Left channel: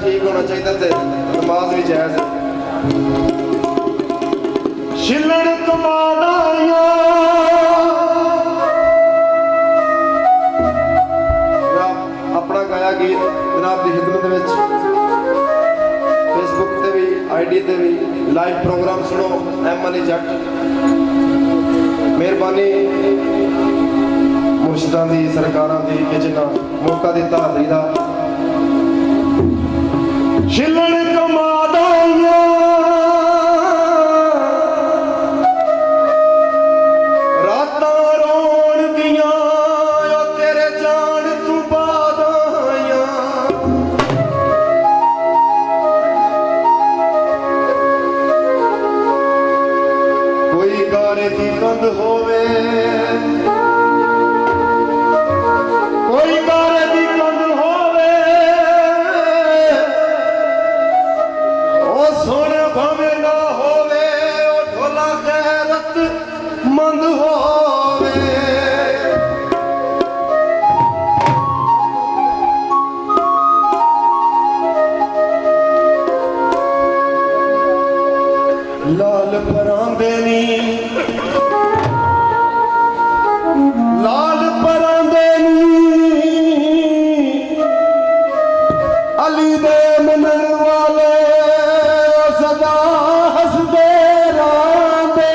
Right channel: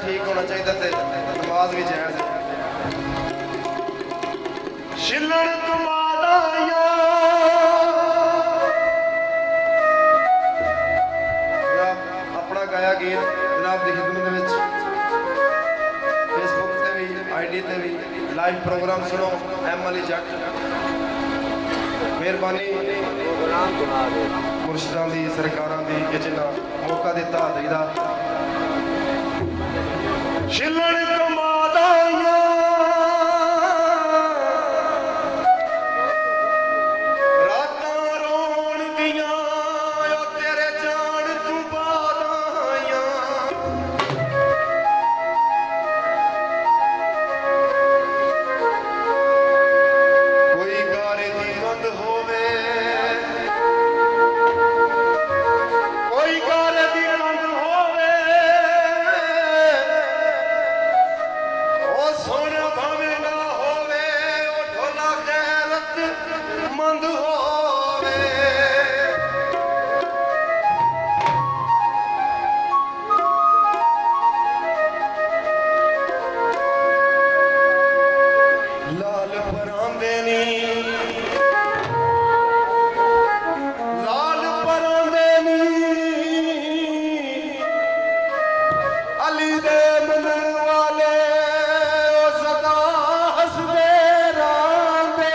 ठीक होना चाहिए ते नमाज भी जायज है। छिलण कमादाइया अपना गाया गीत जनाब की खिदमत में फेसबुक से भी ID से भी लाइव प्रोग्राम सुनो एम अली जट मेहरबानी मुर्शिदां दी सरकारां दी कि जिन्ना मौका दिता दईदा छिलण कमादाइया रातां रोण दियां ओ तेरे जान तू बाद आइयां कोई गारे दी कंध होवे कोई गारे दी कंध होवे ओ सोने भावे ना होवे ओ ढोला गैरत मंद होवे लाल परांदे नी लाल परांदे नी अली दे मनन वाले सदा हसदे रांदे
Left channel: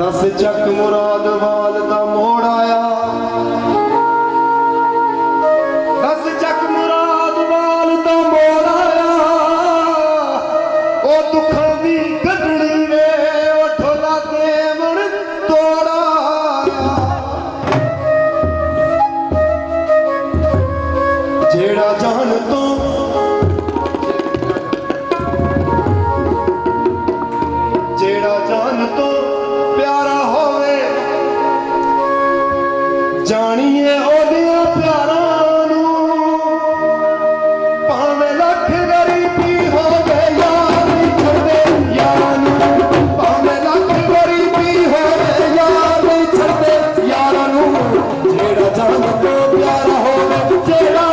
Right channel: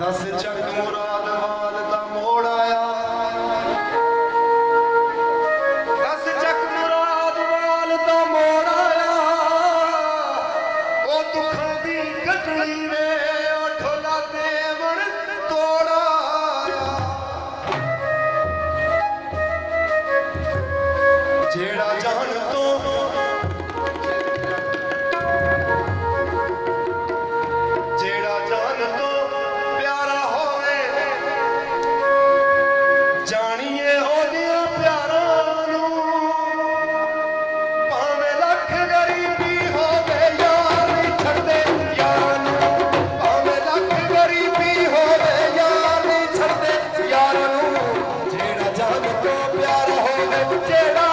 दस चक मुराद वाल दा मोड़ आया दस चक मुराद वाल दा मोड़ आया ओ दुखां दी गढ़ड़ी वे ओ ढोला देवण तोड़ा जेड़ा जान तो जेड़ा जान तो प्यारा होवे जानिए ओदिया प्यारा नू भावें लख गरीबी होवे यार नहीं छड़दे यार नू भावें लख गरीबी होवे यार नहीं छड़दे यार नू जेड़ा जान तो प्यारा होवे जेड़ा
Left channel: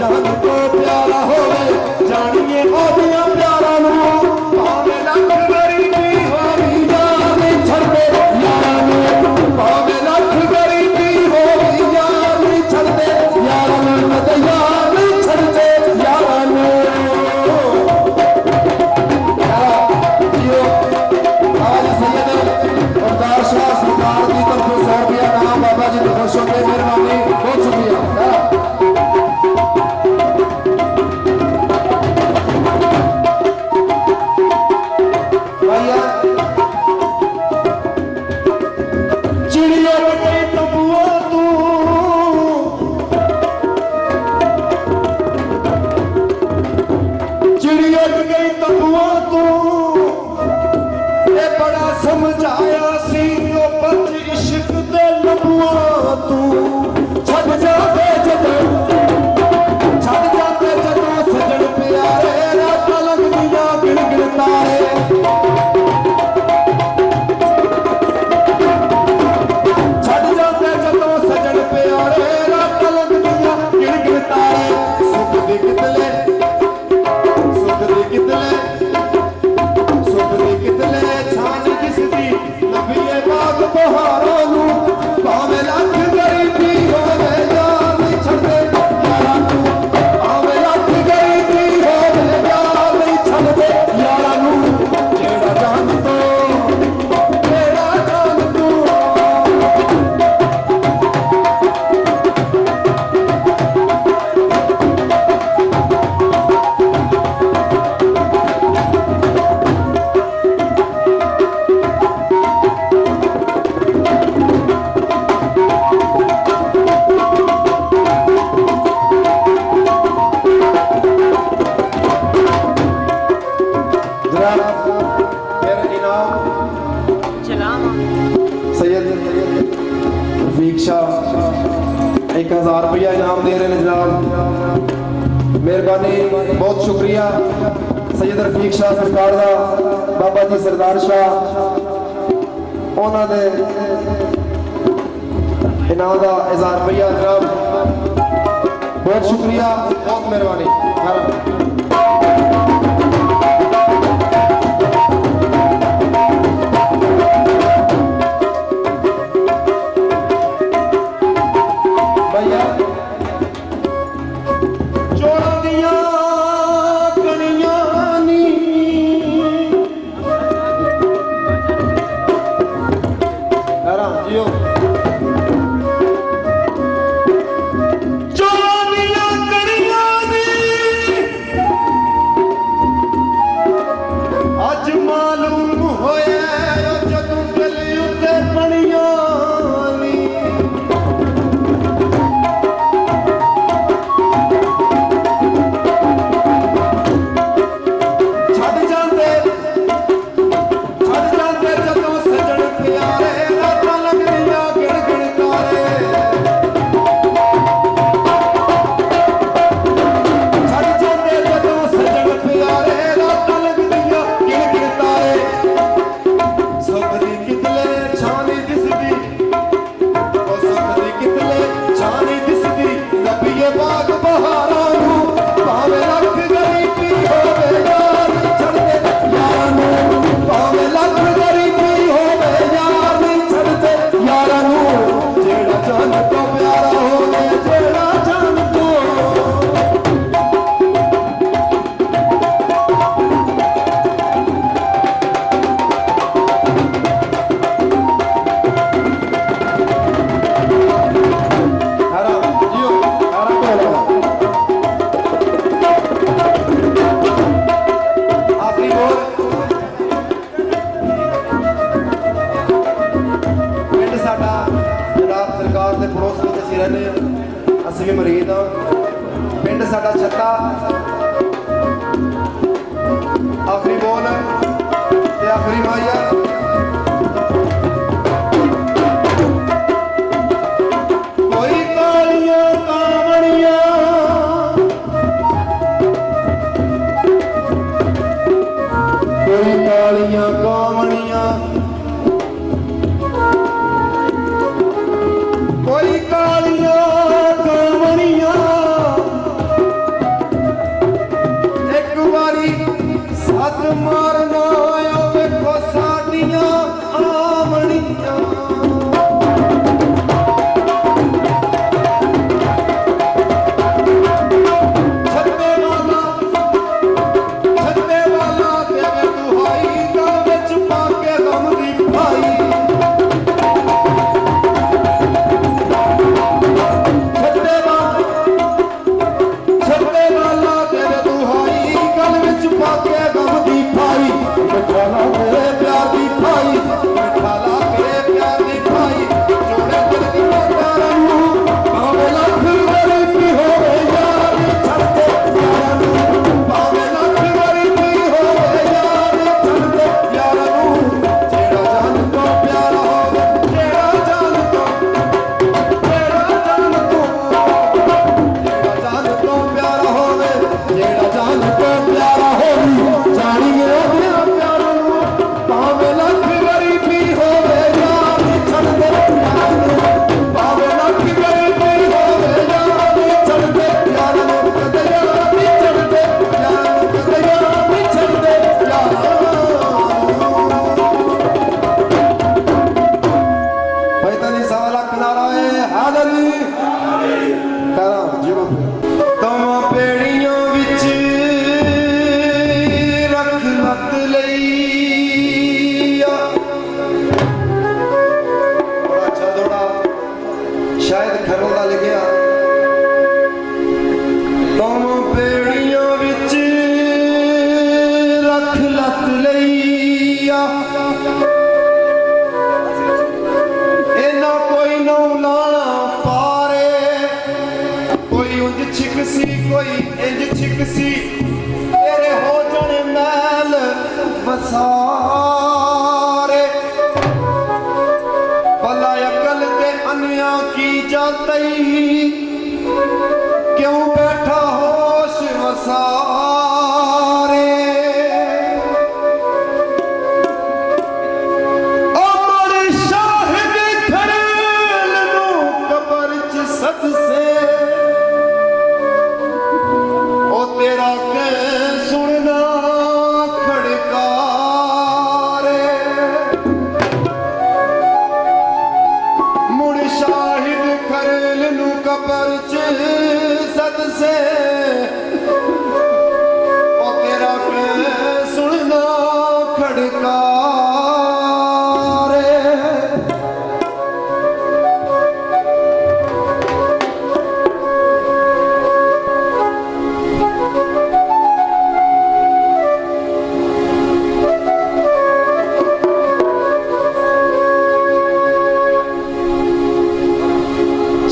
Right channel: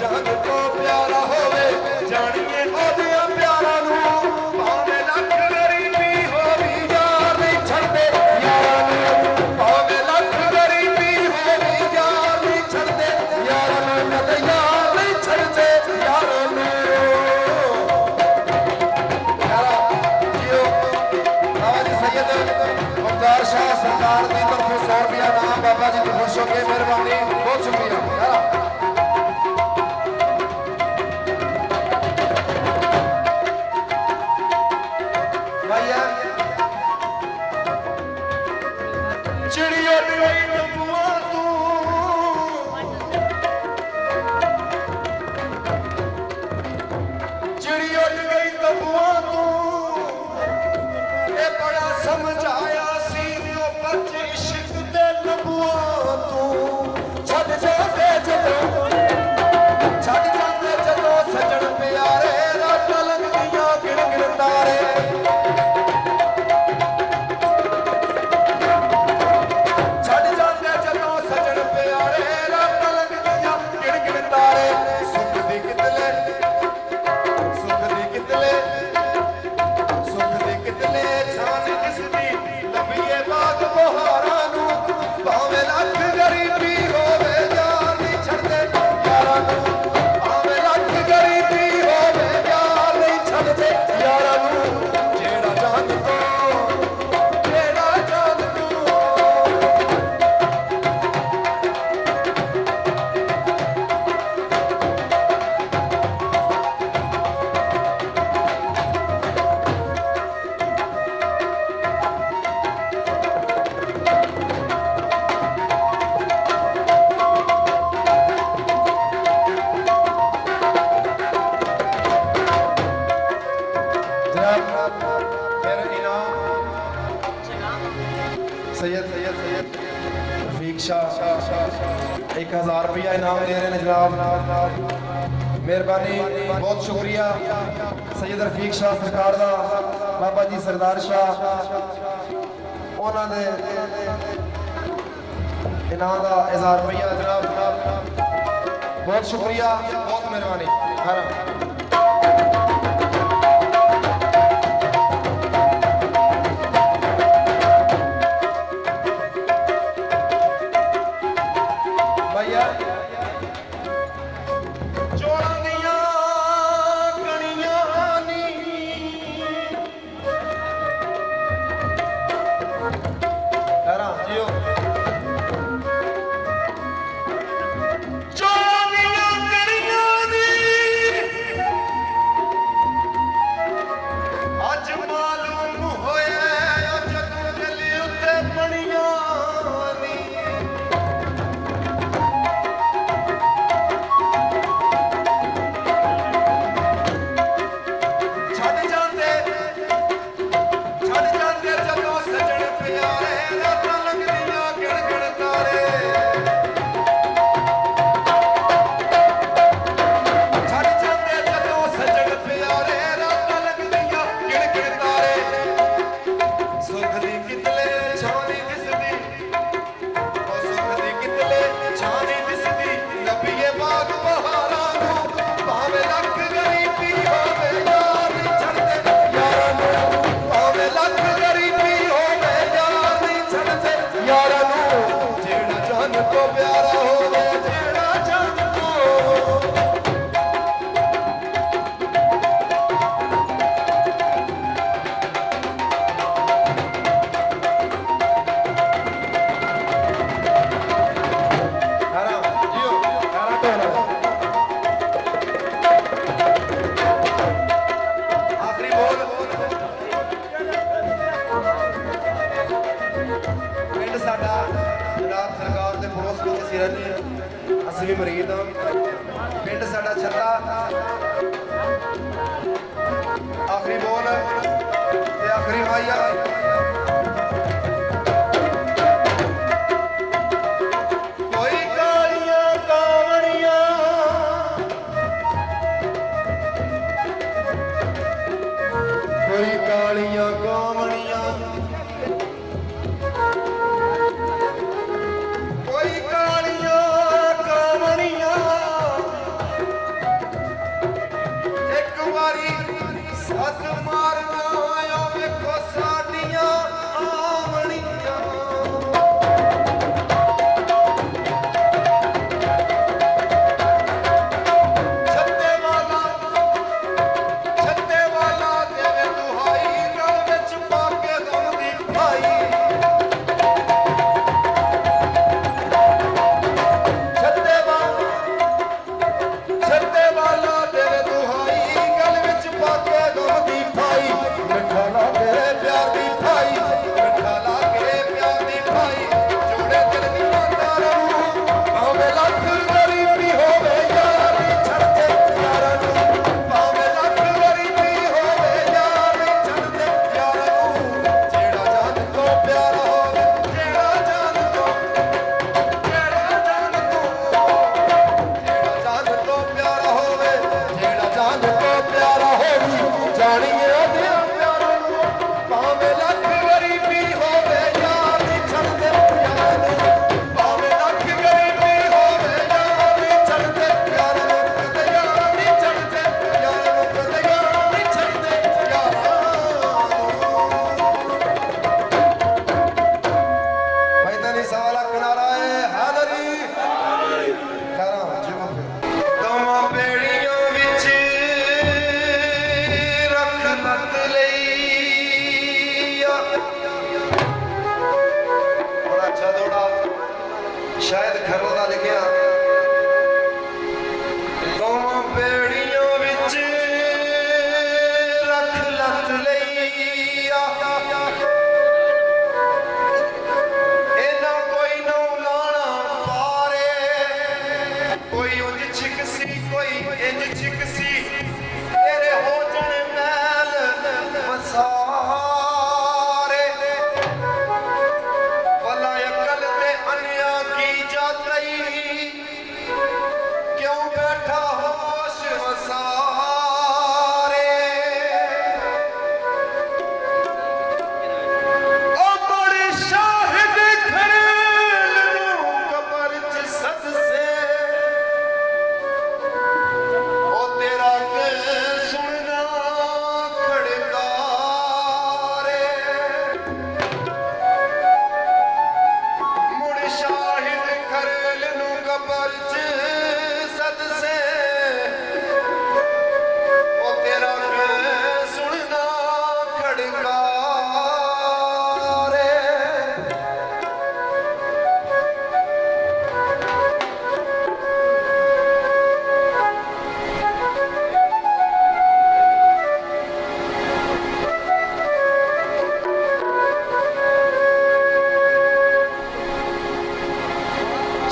जान तो प्यारा होवे जानिए ओदिया प्यारा नू भावें लख गरीबी होवी यार नहीं छड़दे यार नू भावें लख गरीबी होवी यार नहीं छड़दे यार नू कद यार नहीं छड़दे यार नू जियो आज सैयद अवतार शाह सरकार की तरफ से 100 रुपया नाम बाबा जी की खुश होकर मेहरबानी बहुत शुक्रिया चिड़िया गई तबुआ तू चिड़िया गई तबुआ तू ये बड़ा समझाया सी ओ बच इश्क दे लबुआ तू छड़ जाते जदों सजन प्यारे रात लगदियां गिण गिण तारे छड़ जाते जदों सजन प्यारे रात लगदियां गिण गिण तारे सुख दी कितले छान दिसदी लंबिए बाग बहारां नू भावें लख गरीबी होवे यार नहीं छड़दे यारां नू भावें लख गरीबी होवे यार नहीं छड़दे यारां नू जेड़ा जान तू रफीक शाह 1000 रुपया इनाम दे रहे हैं जनाब। मेहरबानी बहुत शुक्रिया सैयद रफीक शाह सरकार का बाबा जी सरदार शाह उन्होंने इनाम का इजहार रुपया जनाब बहुत शुक्रिया बहुत मेहरबानी। से ओ तेरा के सुनना खड़का रे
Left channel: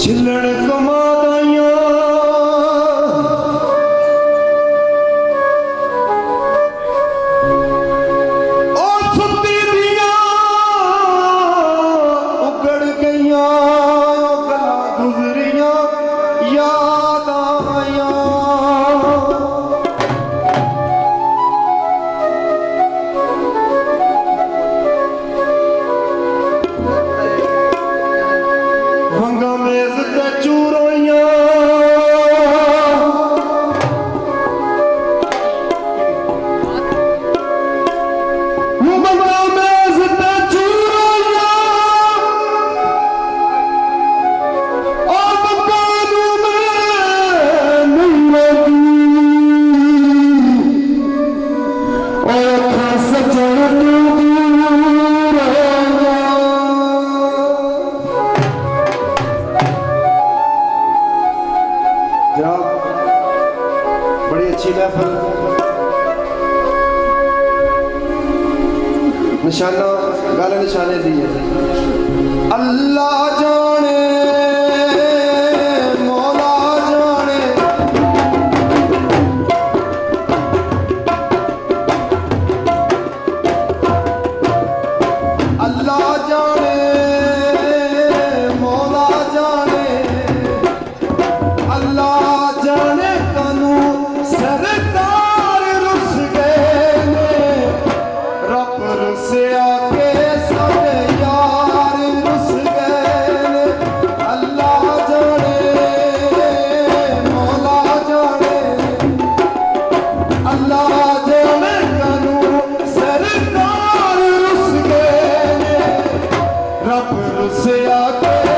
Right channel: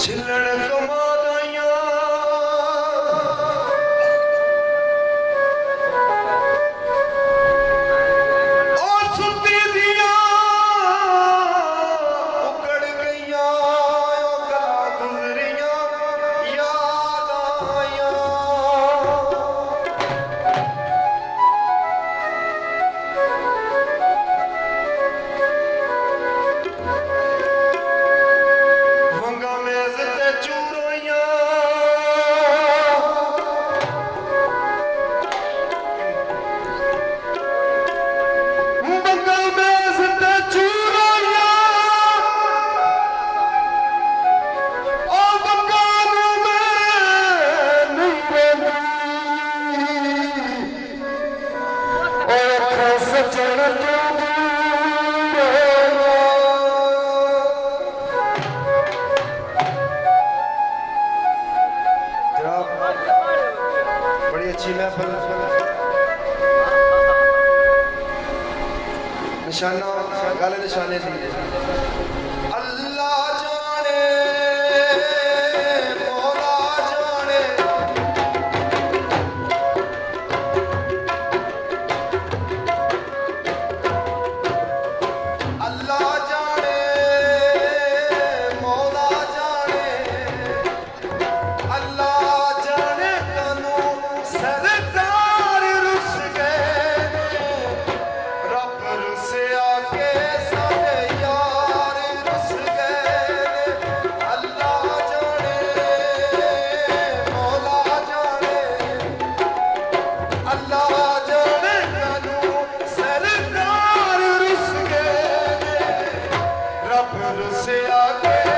छिलड़ कमादाइया ओ सुती दिया उगड़ गईया ओ गला गुजरिया याद आया वंगा मेज ते चूरोइया वंगा मेज ते चूरोइया ओ वंगा नू मैं नहीं रही ओ अखां सजण तू दूर होइया जनाब बड़ी अच्छी महफिल निशाना गल निशाने दी है अल्लाह जाने मौला जाने अल्लाह जाने मौला जाने अल्लाह जाने कानू सरकार रुस गए ने रब रुसे आके सारे यार रुस गए ने अल्लाह जाने मौला जाने अल्लाह जाने कानू सरकार रुस गए ने रब रुसे आके